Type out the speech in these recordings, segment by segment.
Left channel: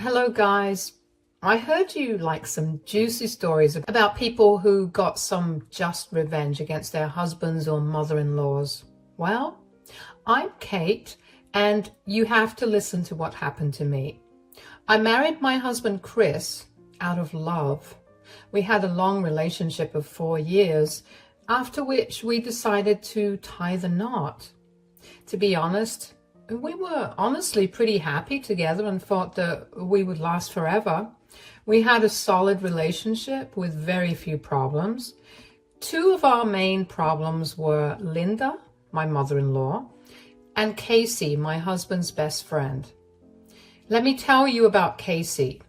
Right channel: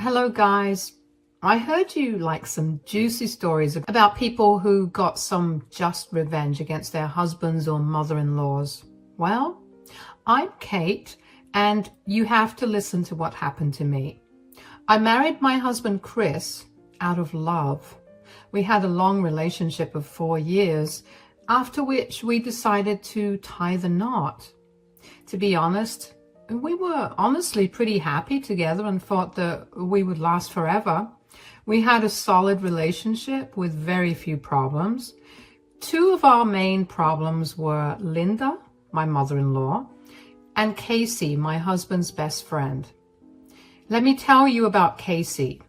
Hello guys, I heard you like some juicy stories about people who got some just revenge against their husbands or mother-in-laws. Well, I'm Kate and you have to listen to what happened to me. I married my husband Chris out of love. We had a long relationship of 4 years, after which we decided to tie the knot. To be honest, we were honestly pretty happy together and thought that we would last forever. We had a solid relationship with very few problems. Two of our main problems were Linda, my mother-in-law, and Casey, my husband's best friend. Let me tell you about Casey.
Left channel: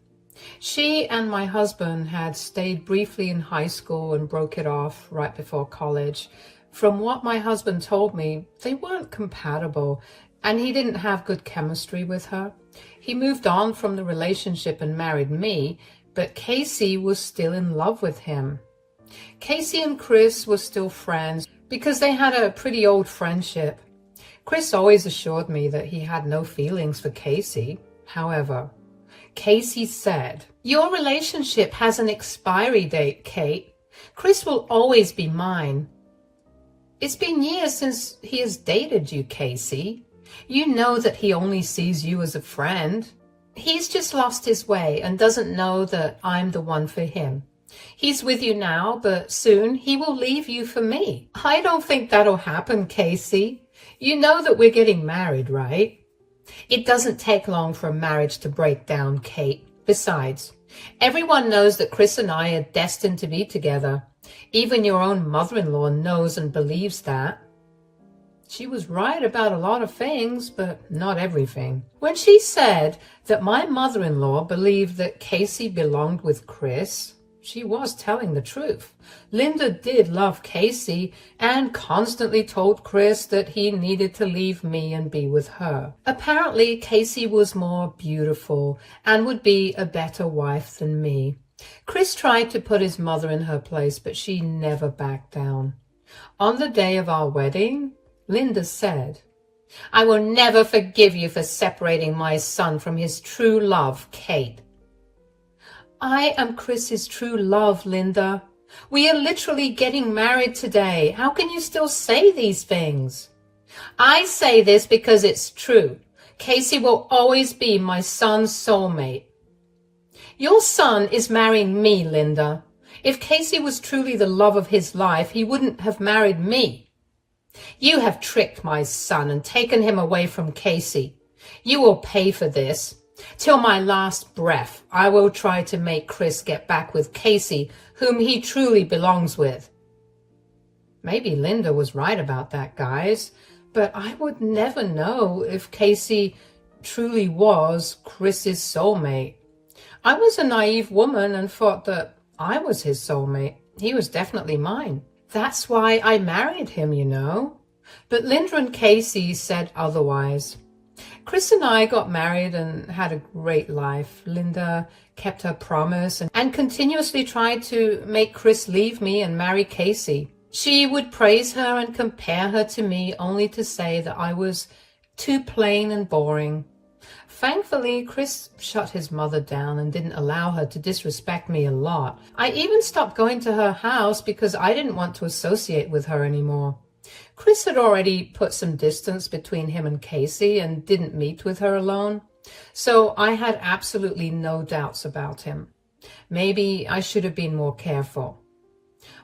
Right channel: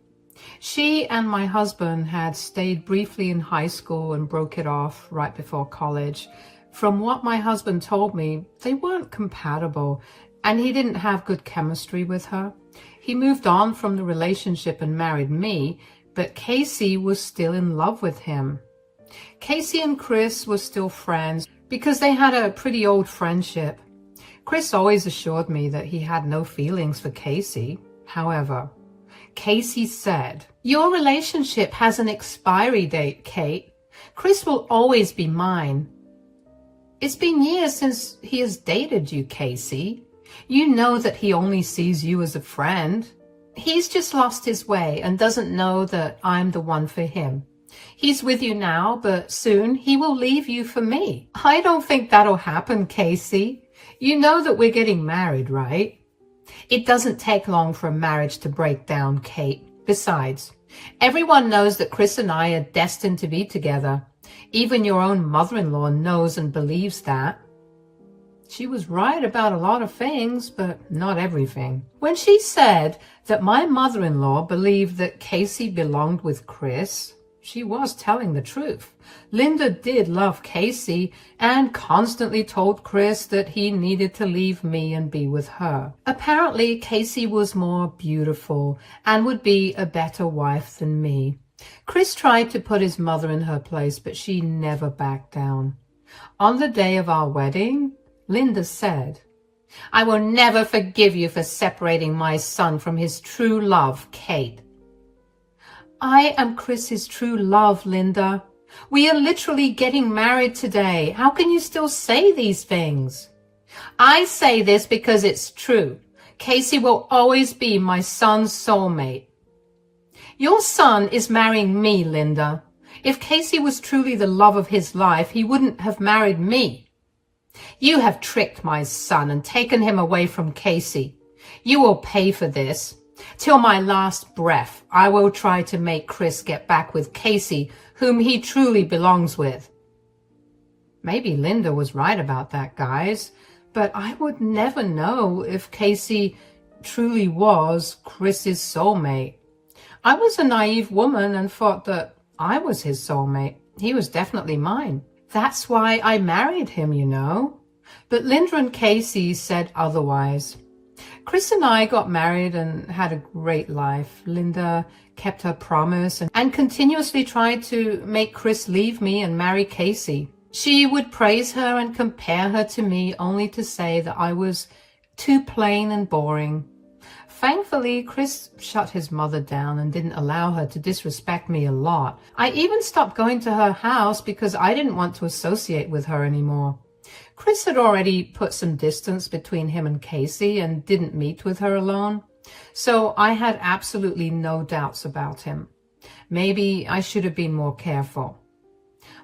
She and my husband had stayed briefly in high school and broke it off right before college. From what my husband told me, they weren't compatible and he didn't have good chemistry with her. He moved on from the relationship and married me, but Casey was still in love with him. Casey and Chris were still friends because they had a pretty old friendship. Chris always assured me that he had no feelings for Casey. However, Casey said, "Your relationship has an expiry date, Kate. Chris will always be mine." It's been years since he has dated you, Casey. You know that he only sees you as a friend. He's just lost his way and doesn't know that I'm the one for him. He's with you now, but soon he will leave you for me. I don't think that'll happen, Casey. You know that we're getting married, right? It doesn't take long for a marriage to break down, Kate. Besides, everyone knows that Chris and I are destined to be together. Even your own mother-in-law knows and believes that. She was right about a lot of things, but not everything. When she said that my mother-in-law believed that Casey belonged with Chris, she was telling the truth. Linda did love Casey and constantly told Chris that he needed to leave me and be with her. Apparently, Casey was more beautiful and would be a better wife than me. Chris tried to put his mother in her place, but she never backed down. On the day of our wedding, Linda said, "I will never forgive you for separating my son from his true love, Kate." I am Chris's true love, Linda. We are literally getting married today. How can you still say these things? I say this because it's true. Casey will always be my son's soulmate. Your son is marrying me, Linda. If Casey was truly the love of his life, he wouldn't have married me. You have tricked my son and taken him away from Casey. You will pay for this. Till my last breath, I will try to make Chris get back with Casey, whom he truly belongs with. Maybe Linda was right about that, guys, but I would never know if Casey truly was Chris's soulmate. I was a naive woman and thought that I was his soulmate. He was definitely mine. That's why I married him, you know. But Linda and Casey said otherwise. Chris and I got married and had a great life. Linda kept her promise and continuously tried to make Chris leave me and marry Casey. She would praise her and compare her to me, only to say that I was too plain and boring. Thankfully, Chris shut his mother down and didn't allow her to disrespect me a lot. I even stopped going to her house because I didn't want to associate with her anymore. Chris had already put some distance between him and Casey and didn't meet with her alone, so I had absolutely no doubts about him. Maybe I should have been more careful.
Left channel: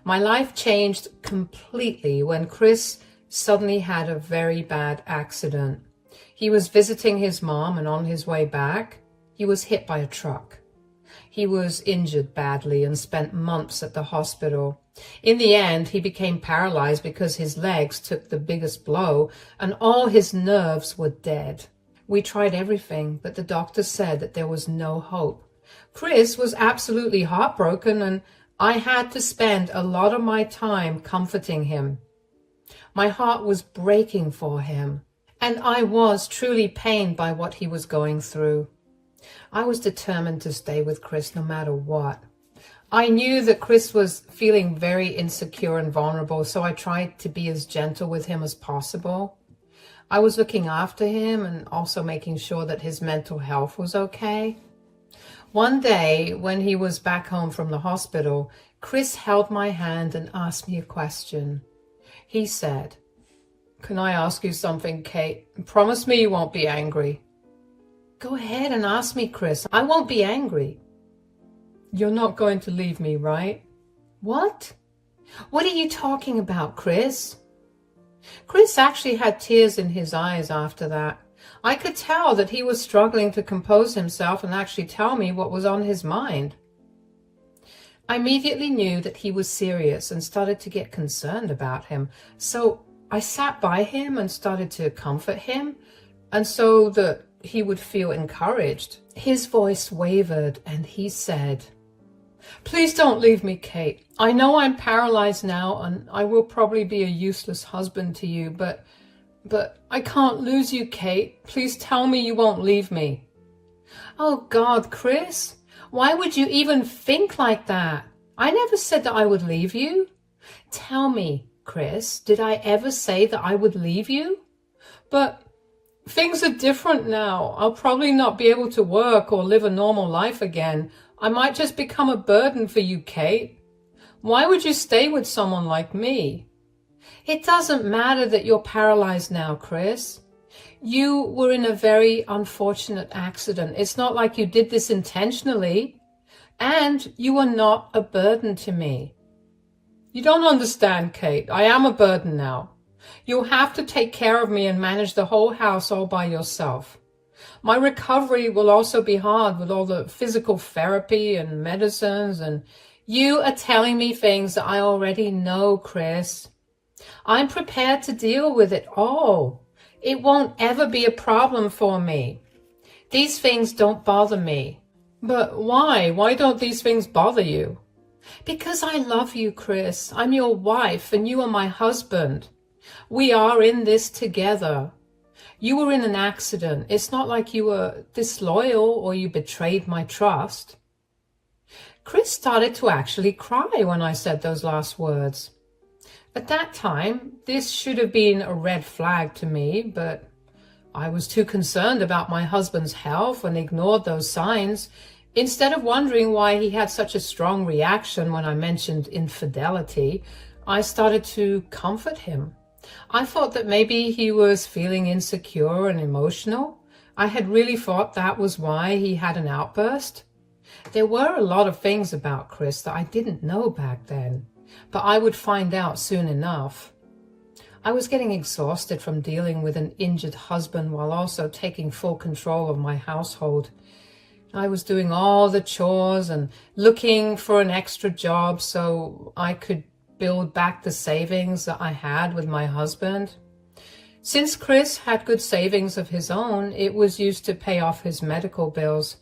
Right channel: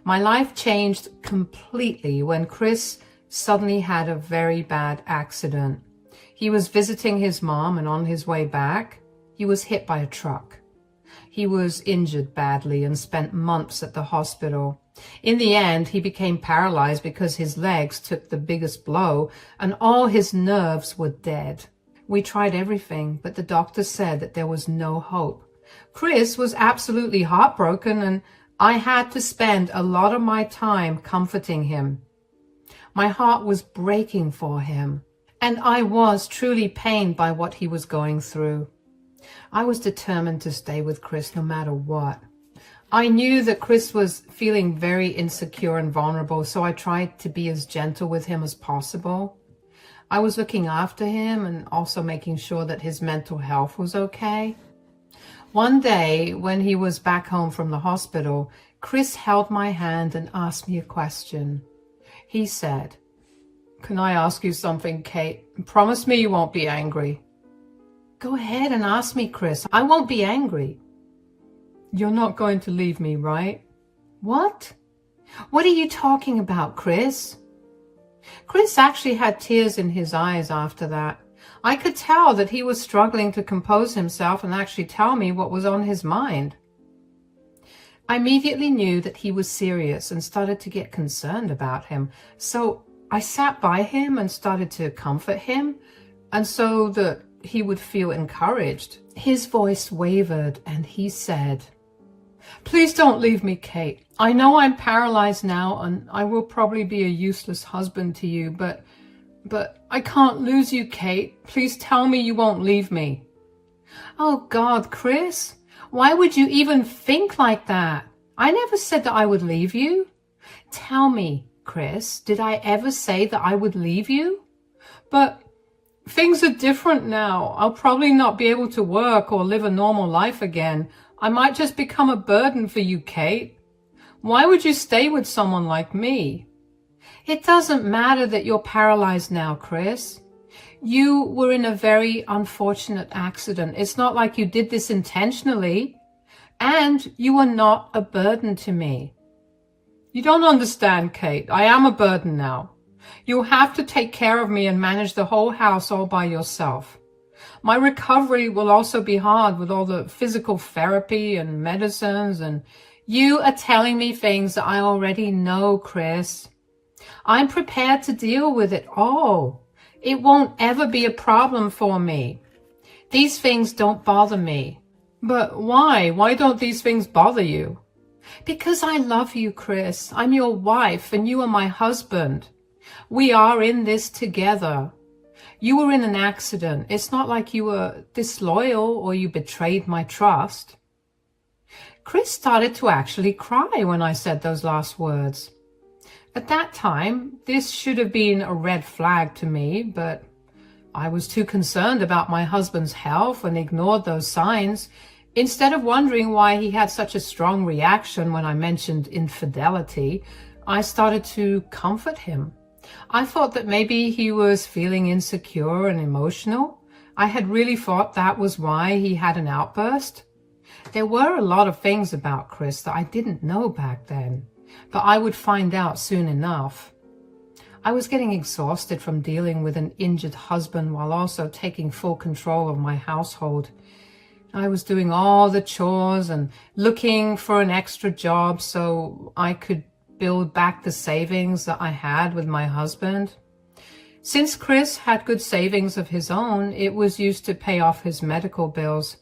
My life changed completely when Chris suddenly had a very bad accident. He was visiting his mom, and on his way back, he was hit by a truck. He was injured badly and spent months at the hospital. In the end, he became paralyzed because his legs took the biggest blow and all his nerves were dead. We tried everything, but the doctor said that there was no hope. Chris was absolutely heartbroken, and I had to spend a lot of my time comforting him. My heart was breaking for him. And I was truly pained by what he was going through. I was determined to stay with Chris no matter what. I knew that Chris was feeling very insecure and vulnerable, so I tried to be as gentle with him as possible. I was looking after him and also making sure that his mental health was okay. One day, when he was back home from the hospital, Chris held my hand and asked me a question. He said, "Can I ask you something, Kate? Promise me you won't be angry." "Go ahead and ask me, Chris. I won't be angry." "You're not going to leave me, right?" "What? What are you talking about, Chris?" Chris actually had tears in his eyes after that. I could tell that he was struggling to compose himself and actually tell me what was on his mind. I immediately knew that he was serious and started to get concerned about him. So I sat by him and started to comfort him, and so that he would feel encouraged. His voice wavered and he said, "Please don't leave me, Kate. I know I'm paralyzed now and I will probably be a useless husband to you, but I can't lose you, Kate. Please tell me you won't leave me." Oh God, Chris, why would you even think like that? I never said that I would leave you. Tell me, Chris, did I ever say that I would leave you? But things are different now. I'll probably not be able to work or live a normal life again. I might just become a burden for you, Kate. Why would you stay with someone like me? It doesn't matter that you're paralyzed now, Chris. You were in a very unfortunate accident. It's not like you did this intentionally. And you are not a burden to me. You don't understand, Kate. I am a burden now. You'll have to take care of me and manage the whole house all by yourself. My recovery will also be hard with all the physical therapy and medicines, and you are telling me things that I already know, Chris. I'm prepared to deal with it all. It won't ever be a problem for me. These things don't bother me. But why? Why don't these things bother you? Because I love you, Chris. I'm your wife and you are my husband. We are in this together. You were in an accident. It's not like you were disloyal or you betrayed my trust. Chris started to actually cry when I said those last words. At that time, this should have been a red flag to me, but I was too concerned about my husband's health and ignored those signs. Instead of wondering why he had such a strong reaction when I mentioned infidelity, I started to comfort him. I thought that maybe he was feeling insecure and emotional. I had really thought that was why he had an outburst. There were a lot of things about Chris that I didn't know back then, but I would find out soon enough. I was getting exhausted from dealing with an injured husband while also taking full control of my household. I was doing all the chores and looking for an extra job so I could build back the savings that I had with my husband. Since Chris had good savings of his own, it was used to pay off his medical bills.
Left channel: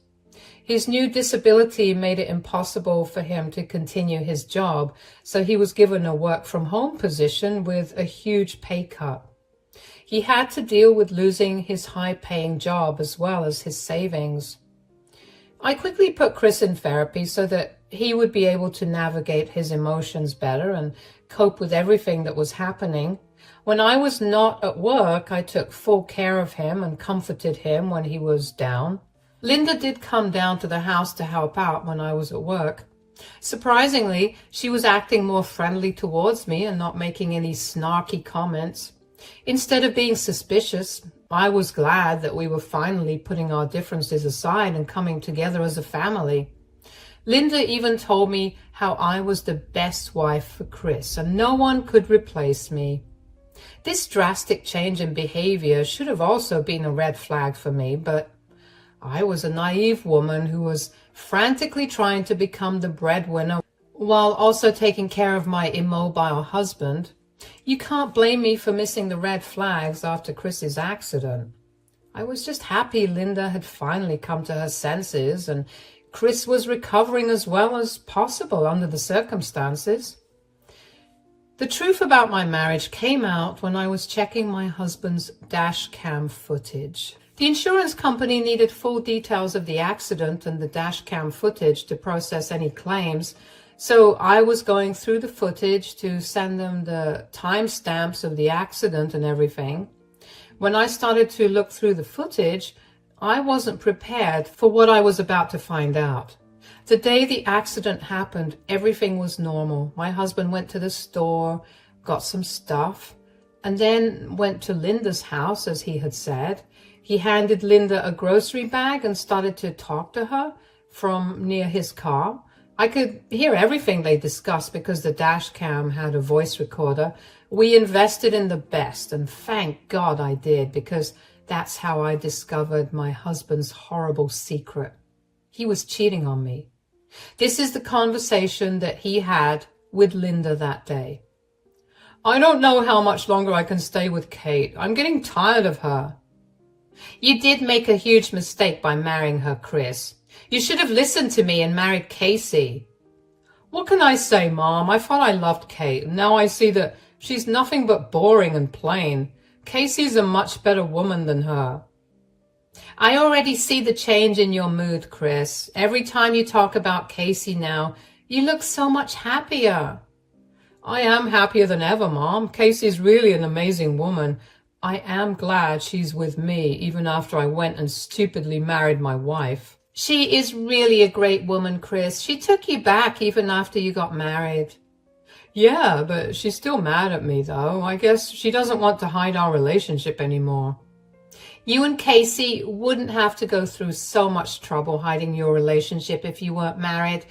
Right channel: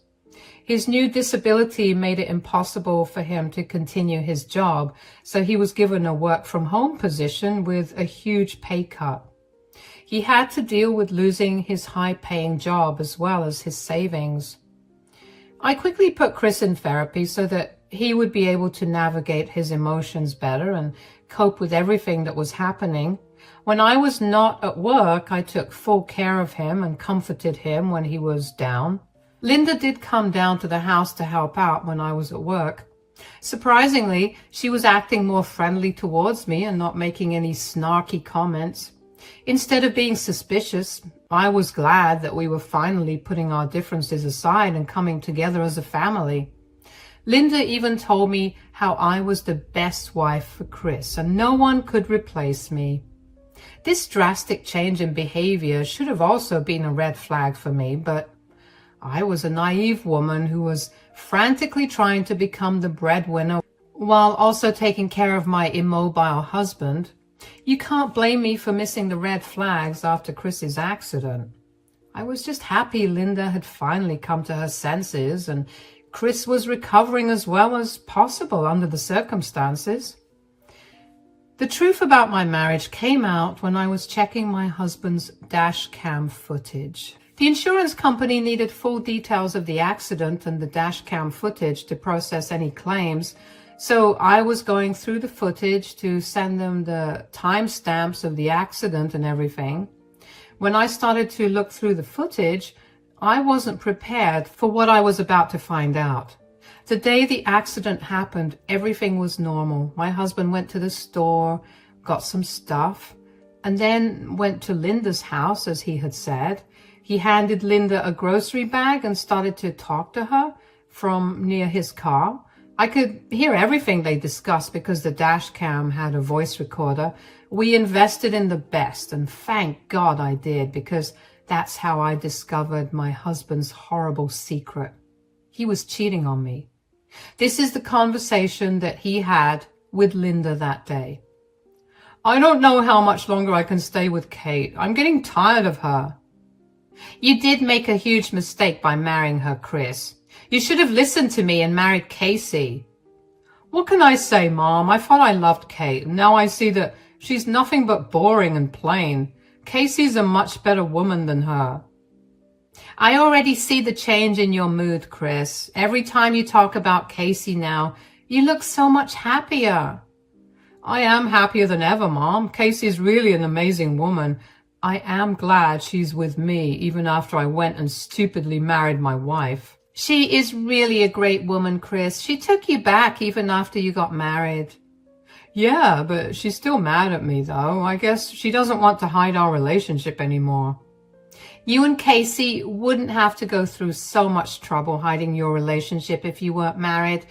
His new disability made it impossible for him to continue his job, so he was given a work-from-home position with a huge pay cut. He had to deal with losing his high-paying job as well as his savings. I quickly put Chris in therapy so that he would be able to navigate his emotions better and cope with everything that was happening. When I was not at work, I took full care of him and comforted him when he was down. Linda did come down to the house to help out when I was at work. Surprisingly, she was acting more friendly towards me and not making any snarky comments. Instead of being suspicious, I was glad that we were finally putting our differences aside and coming together as a family. Linda even told me how I was the best wife for Chris and no one could replace me. This drastic change in behavior should have also been a red flag for me, but I was a naive woman who was frantically trying to become the breadwinner while also taking care of my immobile husband. You can't blame me for missing the red flags after Chris's accident. I was just happy Linda had finally come to her senses and Chris was recovering as well as possible under the circumstances. The truth about my marriage came out when I was checking my husband's dash cam footage. The insurance company needed full details of the accident and the dash cam footage to process any claims, so I was going through the footage to send them the timestamps of the accident and everything. When I started to look through the footage, I wasn't prepared for what I was about to find out. The day the accident happened, everything was normal. My husband went to the store, got some stuff, and then went to Linda's house, as he had said. He handed Linda a grocery bag and started to talk to her from near his car. I could hear everything they discussed because the dash cam had a voice recorder. We invested in the best, and thank God I did, because that's how I discovered my husband's horrible secret. He was cheating on me. This is the conversation that he had with Linda that day. I don't know how much longer I can stay with Kate. I'm getting tired of her. You did make a huge mistake by marrying her, Chris. You should have listened to me and married Casey. What can I say, Mom? I thought I loved Kate, and now I see that she's nothing but boring and plain. Casey's a much better woman than her. I already see the change in your mood, Chris. Every time you talk about Casey now, you look so much happier. I am happier than ever, Mom. Casey's really an amazing woman. I am glad she's with me, even after I went and stupidly married my wife. She is really a great woman, Chris. She took you back even after you got married. Yeah, but she's still mad at me, though. I guess she doesn't want to hide our relationship anymore. You and Casey wouldn't have to go through so much trouble hiding your relationship if you weren't married.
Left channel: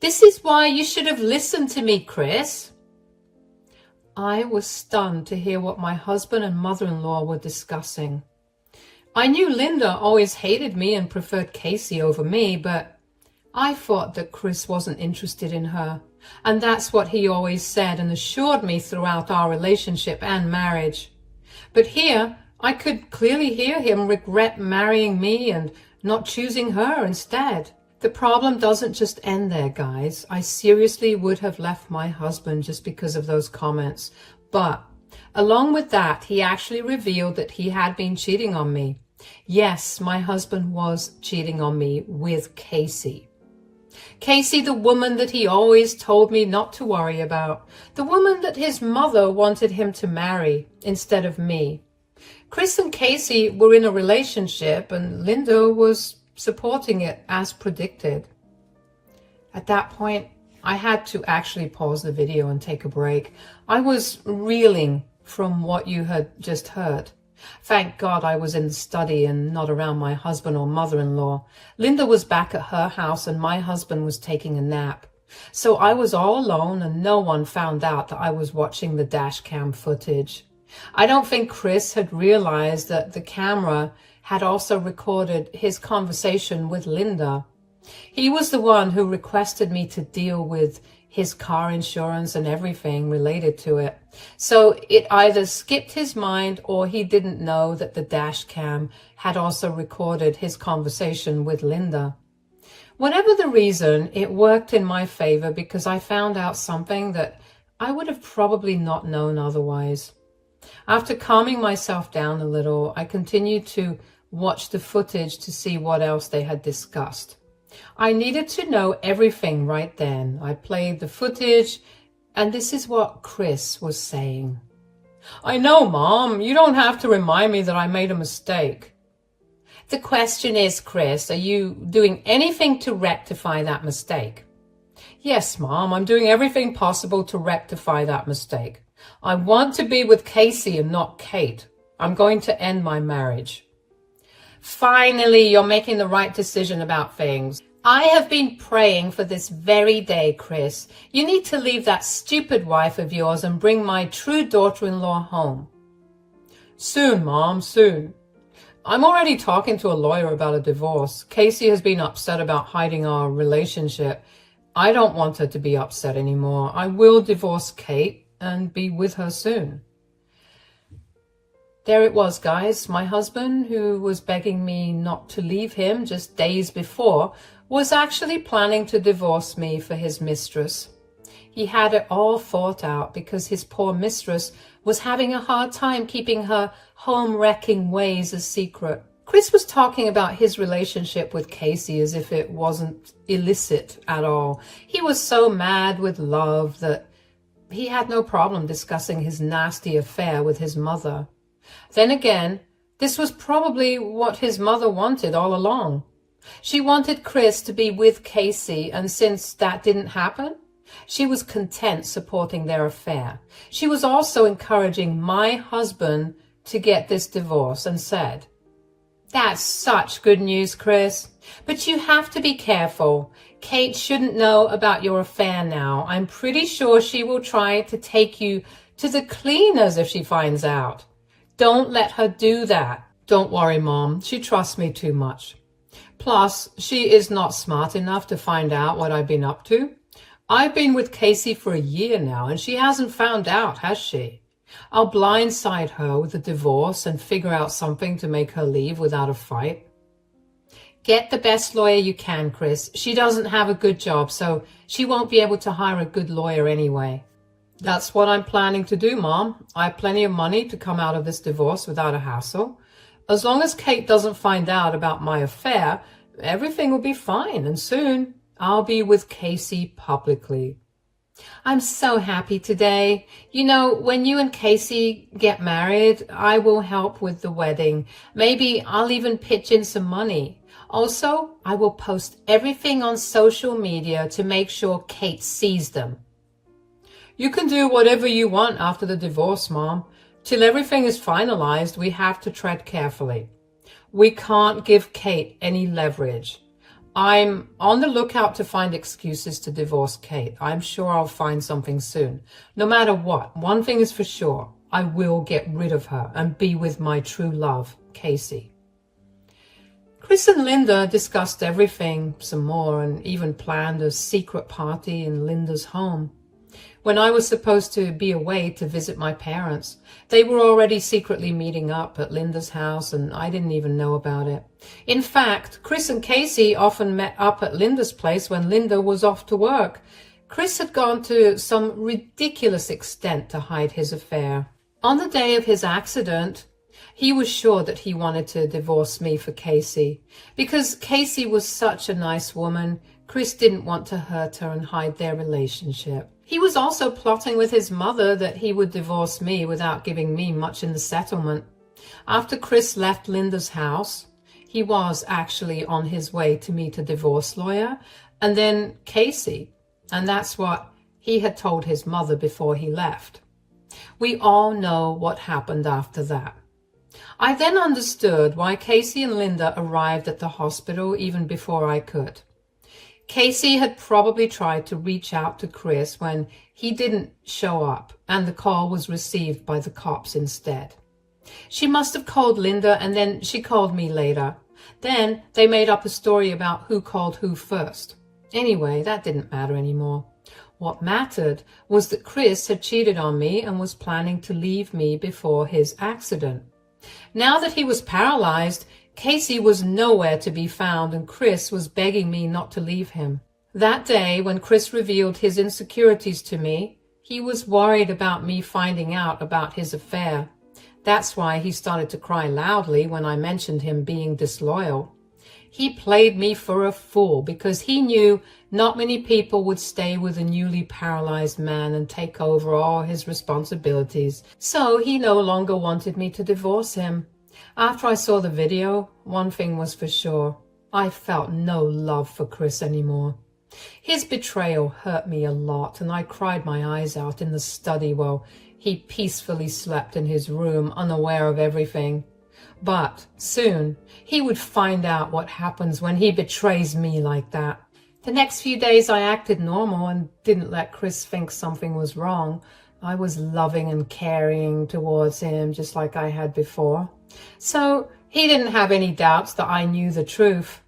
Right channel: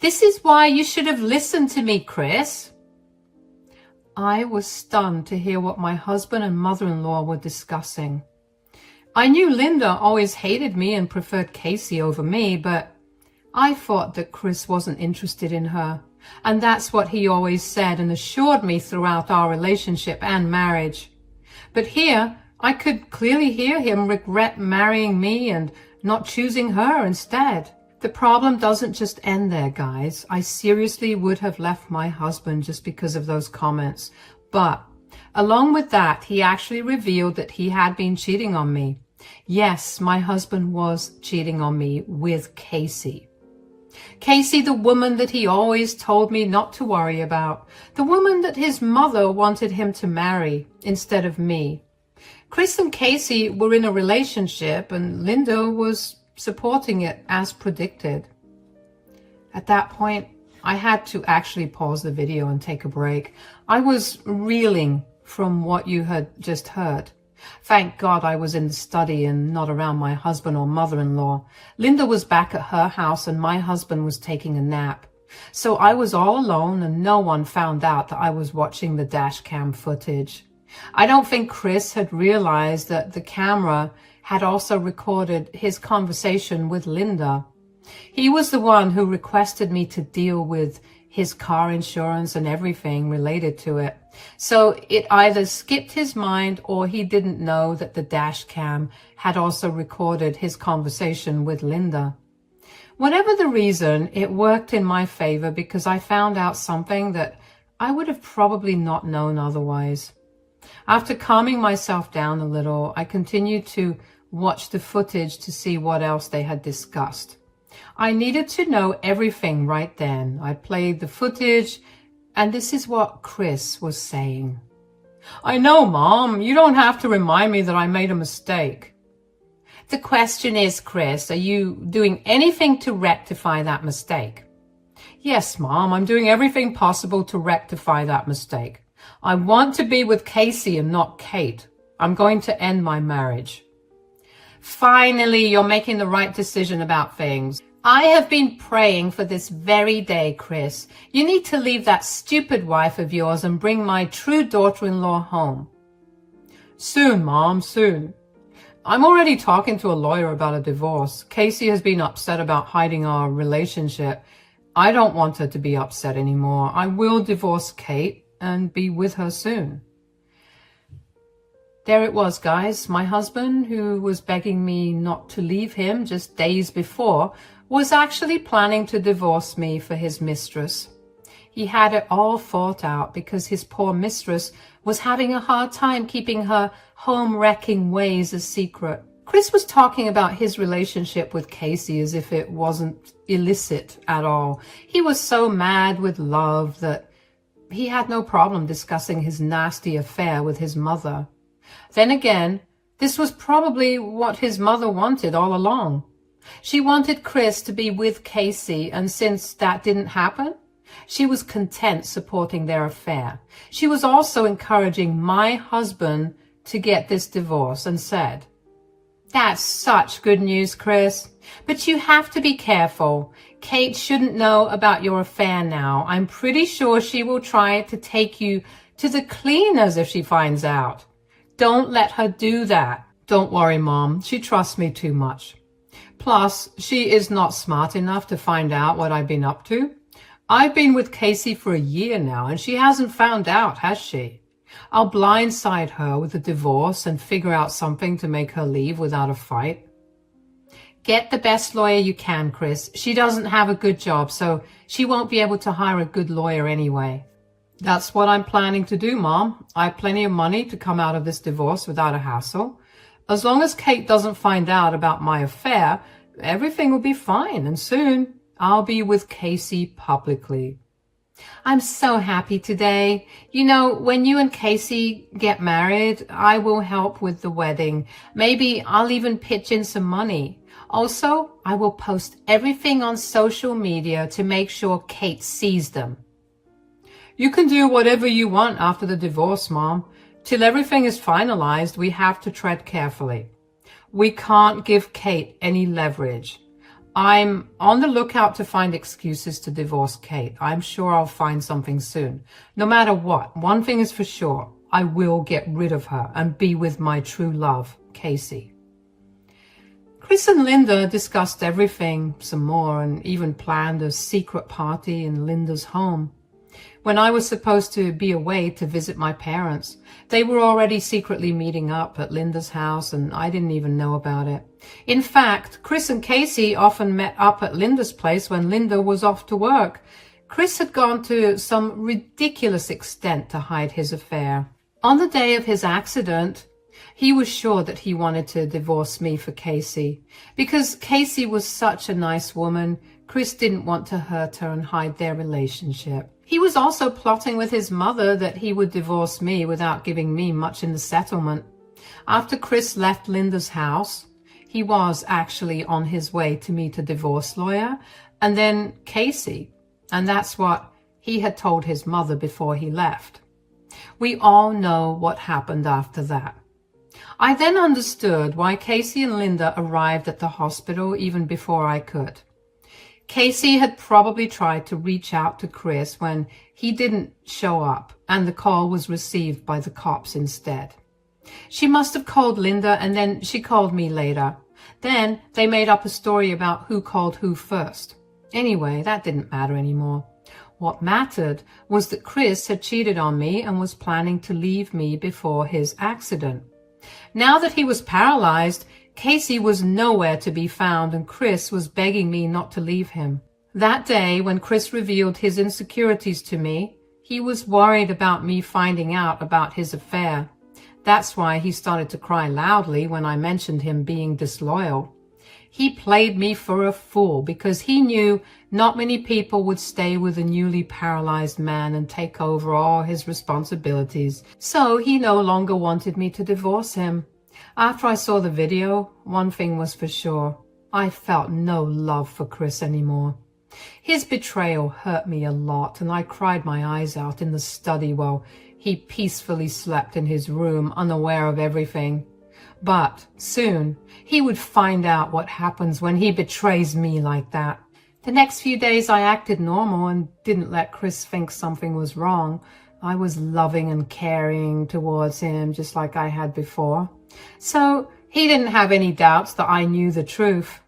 This is why you should have listened to me, Chris. I was stunned to hear what my husband and mother-in-law were discussing. I knew Linda always hated me and preferred Casey over me, but I thought that Chris wasn't interested in her. And that's what he always said and assured me throughout our relationship and marriage. But here, I could clearly hear him regret marrying me and not choosing her instead. The problem doesn't just end there, guys. I seriously would have left my husband just because of those comments. But along with that, he actually revealed that he had been cheating on me. Yes, my husband was cheating on me with Casey. Casey, the woman that he always told me not to worry about. The woman that his mother wanted him to marry instead of me. Chris and Casey were in a relationship and Linda was supporting it as predicted. At that point, I had to actually pause the video and take a break. I was reeling from what you had just heard. Thank God I was in the study and not around my husband or mother-in-law. Linda was back at her house and my husband was taking a nap. So I was all alone and no one found out that I was watching the dash cam footage. I don't think Chris had realized that the camera had also recorded his conversation with Linda. He was the one who requested me to deal with his car insurance and everything related to it. So it either skipped his mind or he didn't know that the dash cam had also recorded his conversation with Linda. Whatever the reason, it worked in my favor because I found out something that I would have probably not known otherwise. After calming myself down a little, I continued to watch the footage to see what else they had discussed. I needed to know everything right then. I played the footage, and this is what Chris was saying. I know, Mom. You don't have to remind me that I made a mistake. The question is, Chris, are you doing anything to rectify that mistake? Yes, Mom. I'm doing everything possible to rectify that mistake. I want to be with Casey and not Kate. I'm going to end my marriage. Finally, you're making the right decision about things. I have been praying for this very day, Chris. You need to leave that stupid wife of yours and bring my true daughter-in-law home. Soon, Mom, soon. I'm already talking to a lawyer about a divorce. Casey has been upset about hiding our relationship. I don't want her to be upset anymore. I will divorce Kate and be with her soon. There it was, guys. My husband, who was begging me not to leave him just days before, was actually planning to divorce me for his mistress. He had it all thought out because his poor mistress was having a hard time keeping her home-wrecking ways a secret. Chris was talking about his relationship with Casey as if it wasn't illicit at all. He was so mad with love that he had no problem discussing his nasty affair with his mother. Then again, This was probably what his mother wanted all along. She wanted Chris to be with Casey, and since that didn't happen, she was content supporting their affair. She was also encouraging my husband to get this divorce and said, "That's such good news, Chris, but you have to be careful. Kate shouldn't know about your affair now. I'm pretty sure she will try to take you to the cleaners if she finds out. Don't let her do that." "Don't worry, Mom. She trusts me too much. Plus, she is not smart enough to find out what I've been up to. I've been with Casey for a year now, and she hasn't found out, has she? I'll blindside her with a divorce and figure out something to make her leave without a fight." "Get the best lawyer you can, Chris. She doesn't have a good job, so she won't be able to hire a good lawyer anyway." "That's what I'm planning to do, Mom. I have plenty of money to come out of this divorce without a hassle. As long as Kate doesn't find out about my affair, everything will be fine, and soon I'll be with Casey publicly." "I'm so happy today. You know, when you and Casey get married, I will help with the wedding. Maybe I'll even pitch in some money. Also, I will post everything on social media to make sure Kate sees them." "You can do whatever you want after the divorce, Mom. Till everything is finalized, we have to tread carefully. We can't give Kate any leverage. I'm on the lookout to find excuses to divorce Kate. I'm sure I'll find something soon. No matter what, one thing is for sure. I will get rid of her and be with my true love, Casey." Chris and Linda discussed everything some more and even planned a secret party in Linda's home. When I was supposed to be away to visit my parents, they were already secretly meeting up at Linda's house, and I didn't even know about it. In fact, Chris and Casey often met up at Linda's place when Linda was off to work. Chris had gone to some ridiculous extent to hide his affair. On the day of his accident, he was sure that he wanted to divorce me for Casey. Because Casey was such a nice woman, Chris didn't want to hurt her and hide their relationship. He was also plotting with his mother that he would divorce me without giving me much in the settlement. After Chris left Linda's house, he was actually on his way to meet a divorce lawyer, and then Casey, and that's what he had told his mother before he left. We all know what happened after that. I then understood why Casey and Linda arrived at the hospital even before I could. Casey had probably tried to reach out to Chris when he didn't show up, and the call was received by the cops instead. She must have called Linda, and then she called me later. Then they made up a story about who called who first. Anyway, that didn't matter anymore. What mattered was that Chris had cheated on me and was planning to leave me before his accident. Now that he was paralyzed, Casey was nowhere to be found, and Chris was begging me not to leave him. That day, when Chris revealed his insecurities to me, he was worried about me finding out about his affair. That's why he started to cry loudly when I mentioned him being disloyal. He played me for a fool because he knew not many people would stay with a newly paralyzed man and take over all his responsibilities, so he no longer wanted me to divorce him. After I saw the video, one thing was for sure. I felt no love for Chris anymore. His betrayal hurt me a lot, and I cried my eyes out in the study while he peacefully slept in his room, unaware of everything. But soon, he would find out what happens when he betrays me like that. The next few days I acted normal and didn't let Chris think something was wrong. I was loving and caring towards him just like I had before. So he didn't have any doubts that I knew the truth.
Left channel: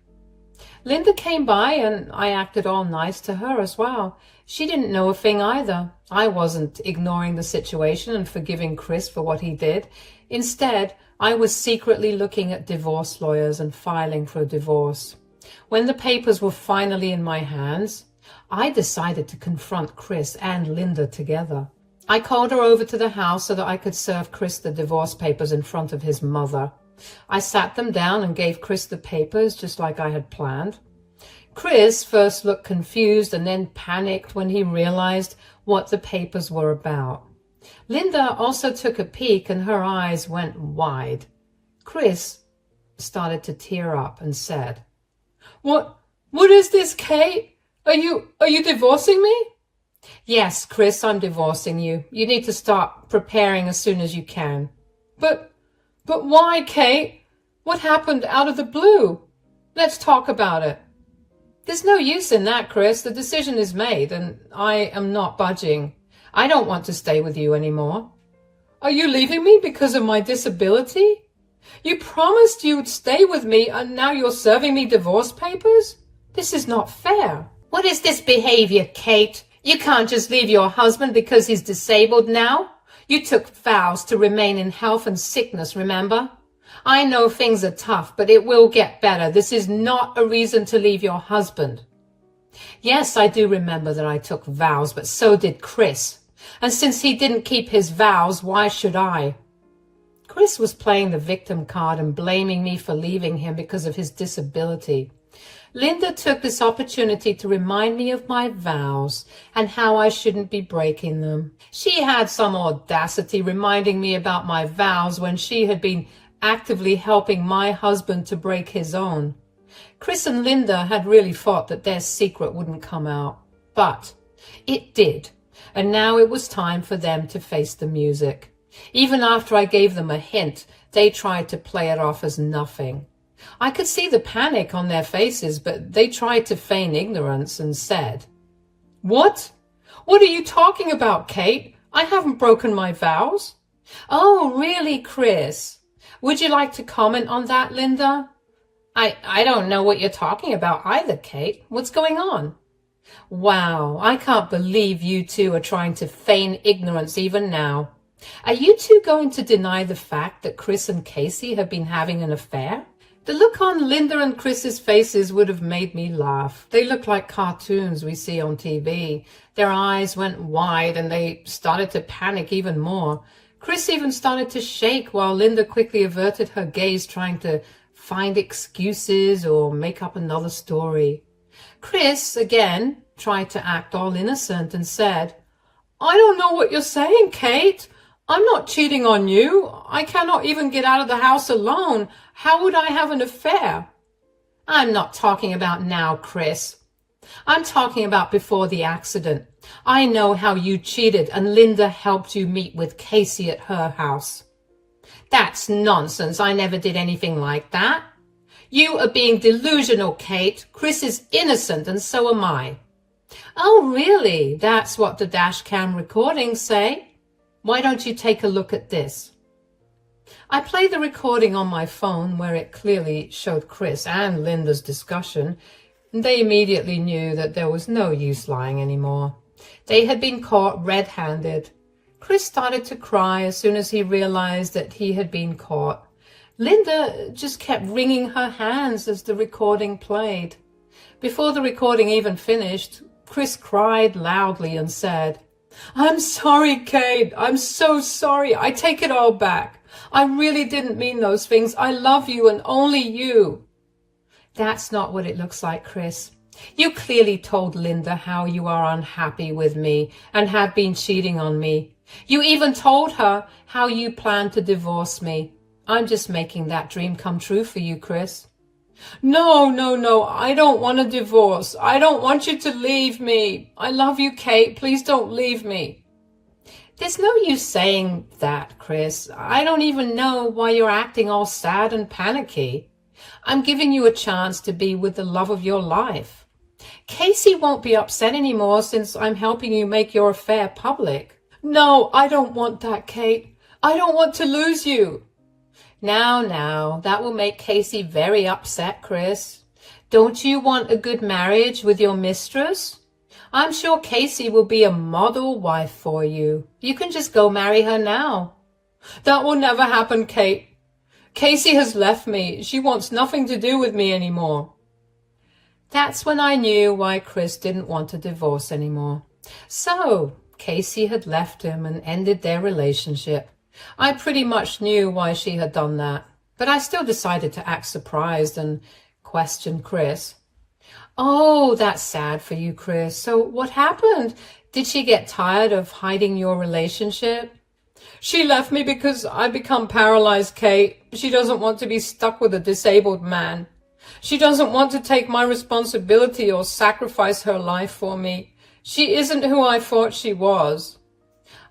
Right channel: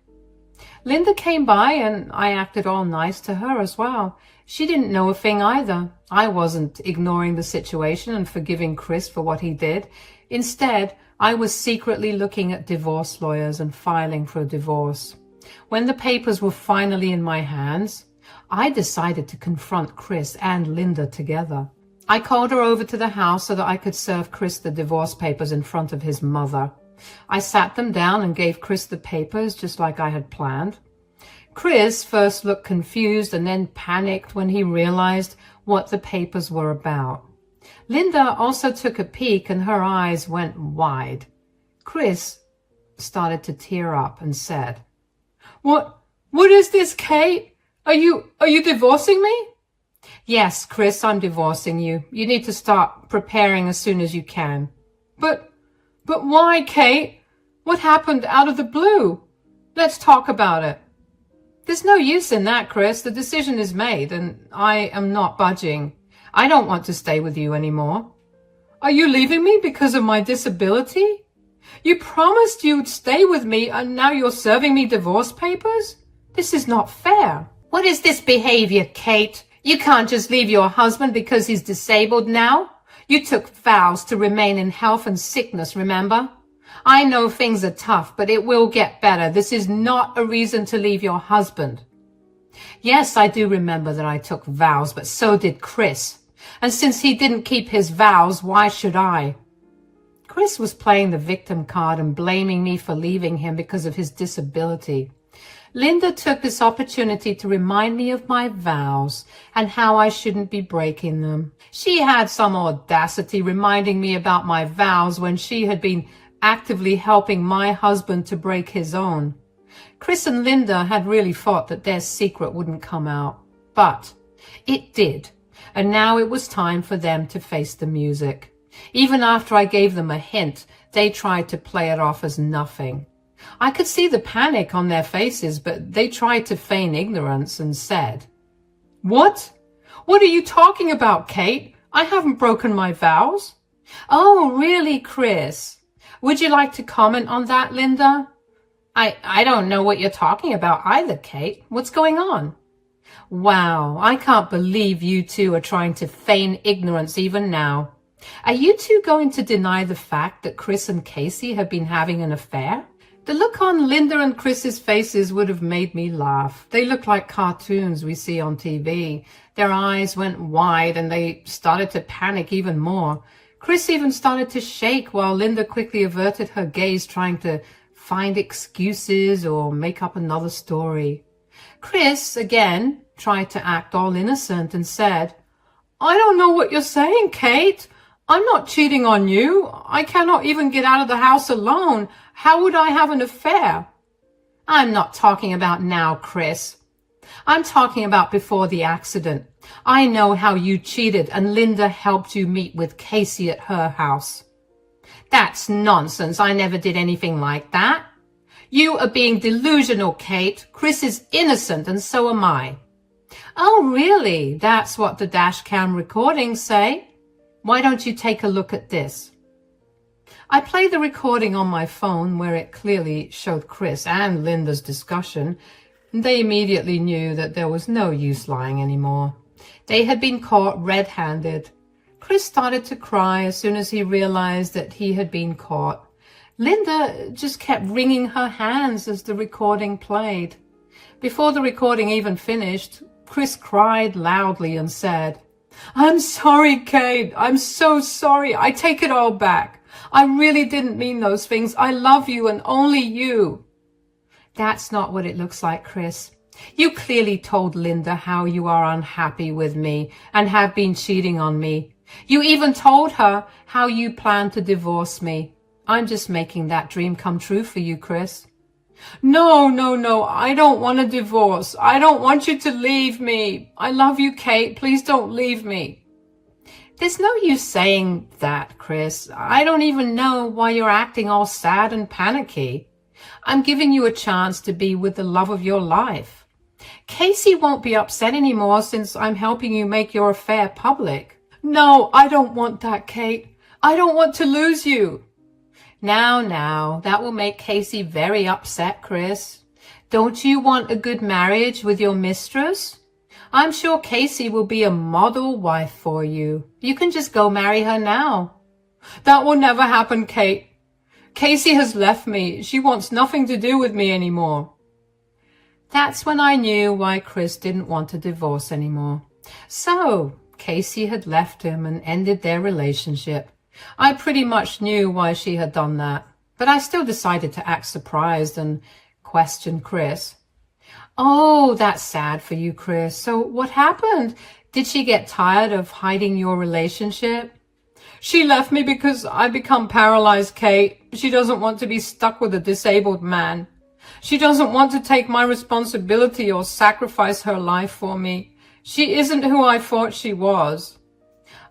Linda came by and I acted all nice to her as well. She didn't know a thing either. I wasn't ignoring the situation and forgiving Chris for what he did. Instead, I was secretly looking at divorce lawyers and filing for a divorce. When the papers were finally in my hands, I decided to confront Chris and Linda together. I called her over to the house so that I could serve Chris the divorce papers in front of his mother. I sat them down and gave Chris the papers just like I had planned. Chris first looked confused and then panicked when he realized what the papers were about. Linda also took a peek and her eyes went wide. Chris started to tear up and said, What is this, Kate? Are you divorcing me? Yes, Chris, I'm divorcing you. You need to start preparing as soon as you can. But why, Kate? What happened out of the blue? Let's talk about it. There's no use in that, Chris. The decision is made, and I am not budging. I don't want to stay with you anymore. Are you leaving me because of my disability? You promised you'd stay with me, and now you're serving me divorce papers? This is not fair. What is this behavior, Kate? You can't just leave your husband because he's disabled now. You took vows to remain in health and sickness, remember? I know things are tough, but it will get better. This is not a reason to leave your husband. Yes, I do remember that I took vows, but so did Chris. And since he didn't keep his vows, why should I? Chris was playing the victim card and blaming me for leaving him because of his disability. Linda took this opportunity to remind me of my vows and how I shouldn't be breaking them. She had some audacity reminding me about my vows when she had been actively helping my husband to break his own. Chris and Linda had really thought that their secret wouldn't come out, but it did, and now it was time for them to face the music. Even after I gave them a hint, they tried to play it off as nothing. I could see the panic on their faces, but they tried to feign ignorance and said, What? What are you talking about, Kate? I haven't broken my vows. Oh, really, Chris? Would you like to comment on that, Linda? I don't know what you're talking about either, Kate. What's going on? Wow, I can't believe you two are trying to feign ignorance even now. Are you two going to deny the fact that Chris and Casey have been having an affair? The look on Linda and Chris's faces would have made me laugh. They looked like cartoons we see on TV. Their eyes went wide and they started to panic even more. Chris even started to shake while Linda quickly averted her gaze, trying to find excuses or make up another story. Chris, again, tried to act all innocent and said, I don't know what you're saying, Kate. I'm not cheating on you. I cannot even get out of the house alone. How would I have an affair? I'm not talking about now, Chris. I'm talking about before the accident. I know how you cheated and Linda helped you meet with Casey at her house. That's nonsense. I never did anything like that. You are being delusional, Kate. Chris is innocent and so am I. Oh, really? That's what the dash cam recordings say? Why don't you take a look at this? I played the recording on my phone where it clearly showed Chris and Linda's discussion. They immediately knew that there was no use lying anymore. They had been caught red-handed. Chris started to cry as soon as he realized that he had been caught. Linda just kept wringing her hands as the recording played. Before the recording even finished, Chris cried loudly and said, I'm sorry, Kate. I'm so sorry. I take it all back. I really didn't mean those things. I love you and only you. That's not what it looks like, Chris. You clearly told Linda how you are unhappy with me and have been cheating on me. You even told her how you plan to divorce me. I'm just making that dream come true for you, Chris. No, I don't want a divorce. I don't want you to leave me. I love you, Kate. Please don't leave me. There's no use saying that, Chris. I don't even know why you're acting all sad and panicky. I'm giving you a chance to be with the love of your life. Casey won't be upset anymore since I'm helping you make your affair public. No, I don't want that, Kate. I don't want to lose you. Now, that will make Casey very upset, Chris. Don't you want a good marriage with your mistress? I'm sure Casey will be a model wife for you. You can just go marry her now. That will never happen, Kate. Casey has left me. She wants nothing to do with me anymore. That's when I knew why Chris didn't want a divorce anymore. So, Casey had left him and ended their relationship. I pretty much knew why she had done that, but I still decided to act surprised and question Chris. Oh, that's sad for you, Chris. So what happened? Did she get tired of hiding your relationship? She left me because I become paralyzed, Kate. She doesn't want to be stuck with a disabled man. She doesn't want to take my responsibility or sacrifice her life for me. She isn't who I thought she was.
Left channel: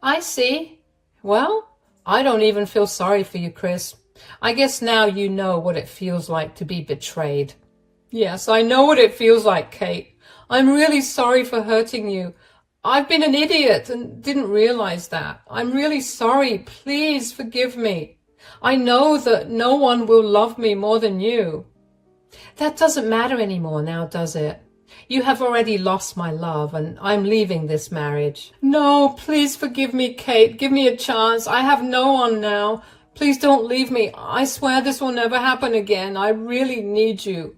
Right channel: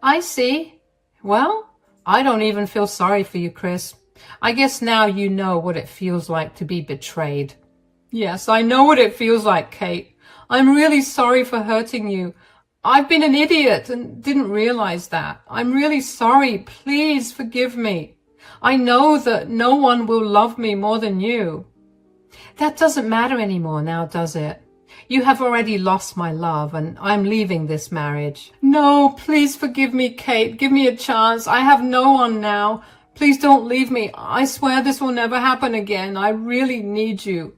I see. Well, I don't even feel sorry for you, Chris. I guess now you know what it feels like to be betrayed. Yes, I know what it feels like, Kate. I'm really sorry for hurting you. I've been an idiot and didn't realize that. I'm really sorry. Please forgive me. I know that no one will love me more than you. That doesn't matter anymore now, does it? You have already lost my love and I'm leaving this marriage. No, please forgive me, Kate. Give me a chance. I have no one now. Please don't leave me. I swear this will never happen again. I really need you.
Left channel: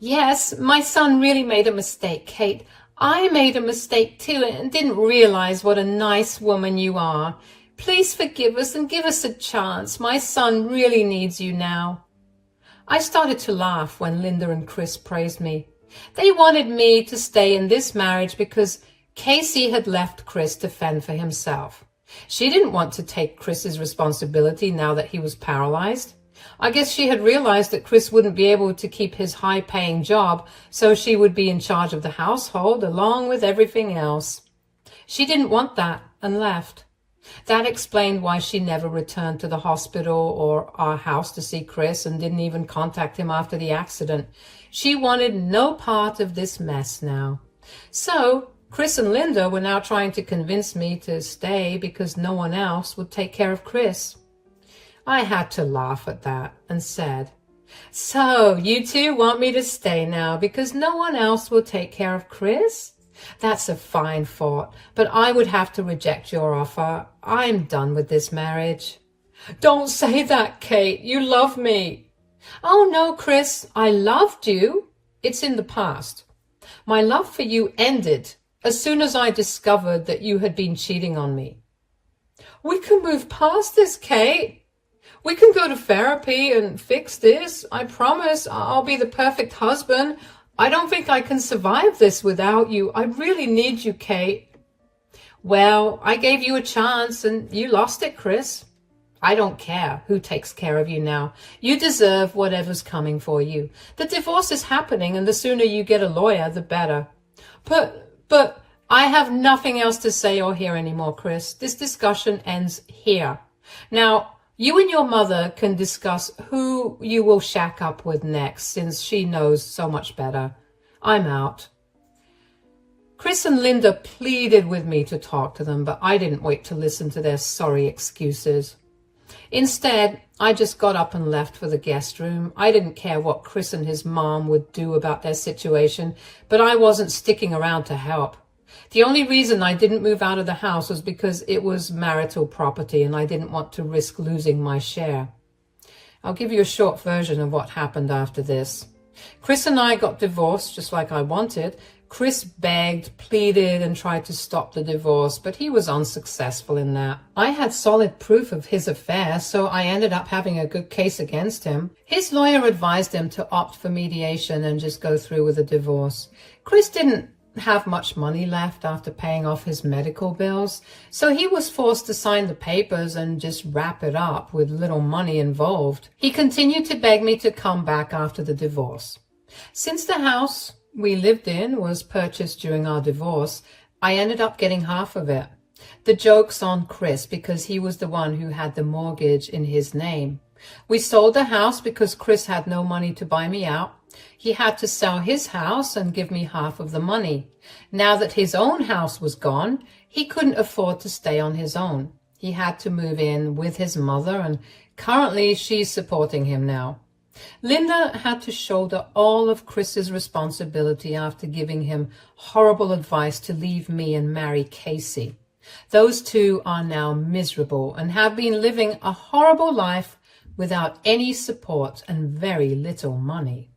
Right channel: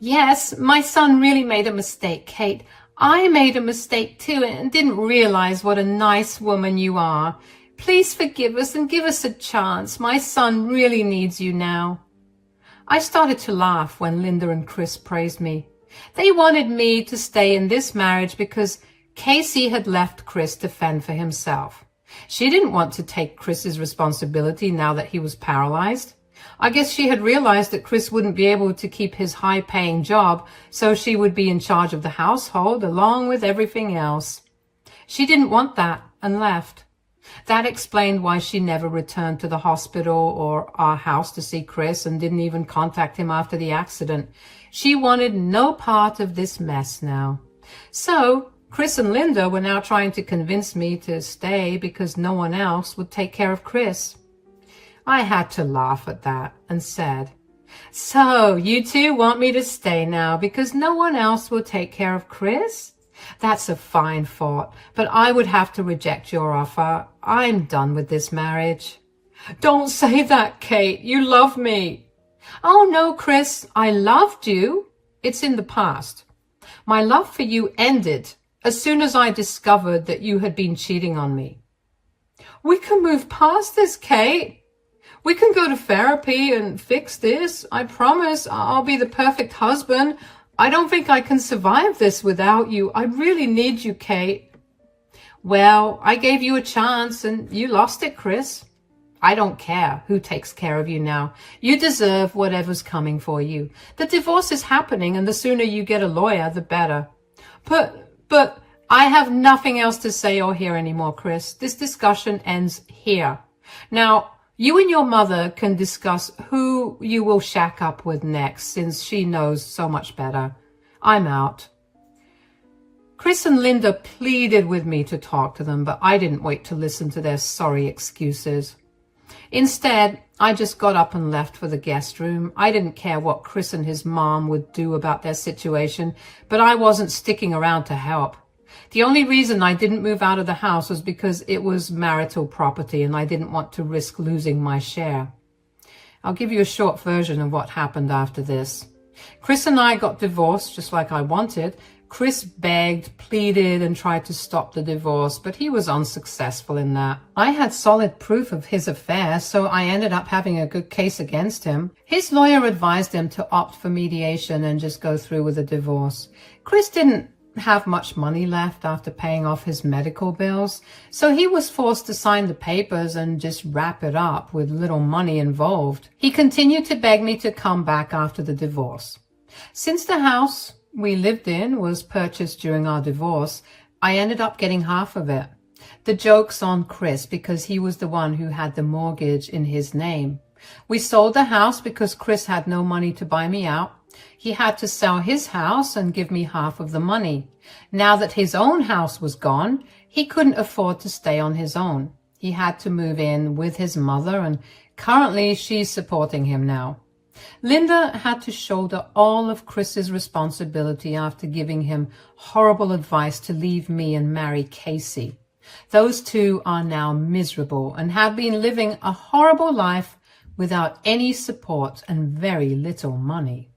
Yes, my son really made a mistake, Kate. I made a mistake too and didn't realize what a nice woman you are. Please forgive us and give us a chance. My son really needs you now. I started to laugh when Linda and Chris praised me. They wanted me to stay in this marriage because Casey had left Chris to fend for himself. She didn't want to take Chris's responsibility now that he was paralyzed. I guess she had realized that Chris wouldn't be able to keep his high-paying job, so she would be in charge of the household along with everything else. She didn't want that and left. That explained why she never returned to the hospital or our house to see Chris and didn't even contact him after the accident. She wanted no part of this mess now. So Chris and Linda were now trying to convince me to stay because no one else would take care of Chris. I had to laugh at that and said, "So you two want me to stay now because no one else will take care of Chris? That's a fine thought, but I would have to reject your offer. I'm done with this marriage." "Don't say that, Kate. You love me." "Oh, no, Chris. I loved you. It's in the past. My love for you ended as soon as I discovered that you had been cheating on me." "We can move past this, Kate. We can go to therapy and fix this. I promise I'll be the perfect husband. I don't think I can survive this without you. I really need you, Kate." "Well, I gave you a chance and you lost it, Chris. I don't care who takes care of you now. You deserve whatever's coming for you. The divorce is happening and the sooner you get a lawyer, the better." But I have nothing else to say or hear anymore, Chris. This discussion ends here. Now, you and your mother can discuss who you will shack up with next, since she knows so much better. I'm out. Chris and Linda pleaded with me to talk to them, but I didn't wait to listen to their sorry excuses. Instead, I just got up and left for the guest room. I didn't care what Chris and his mom would do about their situation, but I wasn't sticking around to help. The only reason I didn't move out of the house was because it was marital property and I didn't want to risk losing my share. I'll give you a short version of what happened after this. Chris and I got divorced just like I wanted. Chris begged, pleaded, and tried to stop the divorce, but he was unsuccessful in that. I had solid proof of his affair, so I ended up having a good case against him. His lawyer advised him to opt for mediation and just go through with the divorce. Chris didn't have much money left after paying off his medical bills, so he was forced to sign the papers and just wrap it up with little money involved. He continued to beg me to come back after the divorce. Since the house we lived in was purchased during our divorce, I ended up getting half of it. The joke's on Chris because he was the one who had the mortgage in his name. We sold the house because Chris had no money to buy me out. He had to sell his house and give me half of the money. Now that his own house was gone, he couldn't afford to stay on his own. He had to move in with his mother, and currently she's supporting him now. Linda had to shoulder all of Chris's responsibility after giving him horrible advice to leave me and marry Casey. Those two are now miserable and have been living a horrible life without any support and very little money.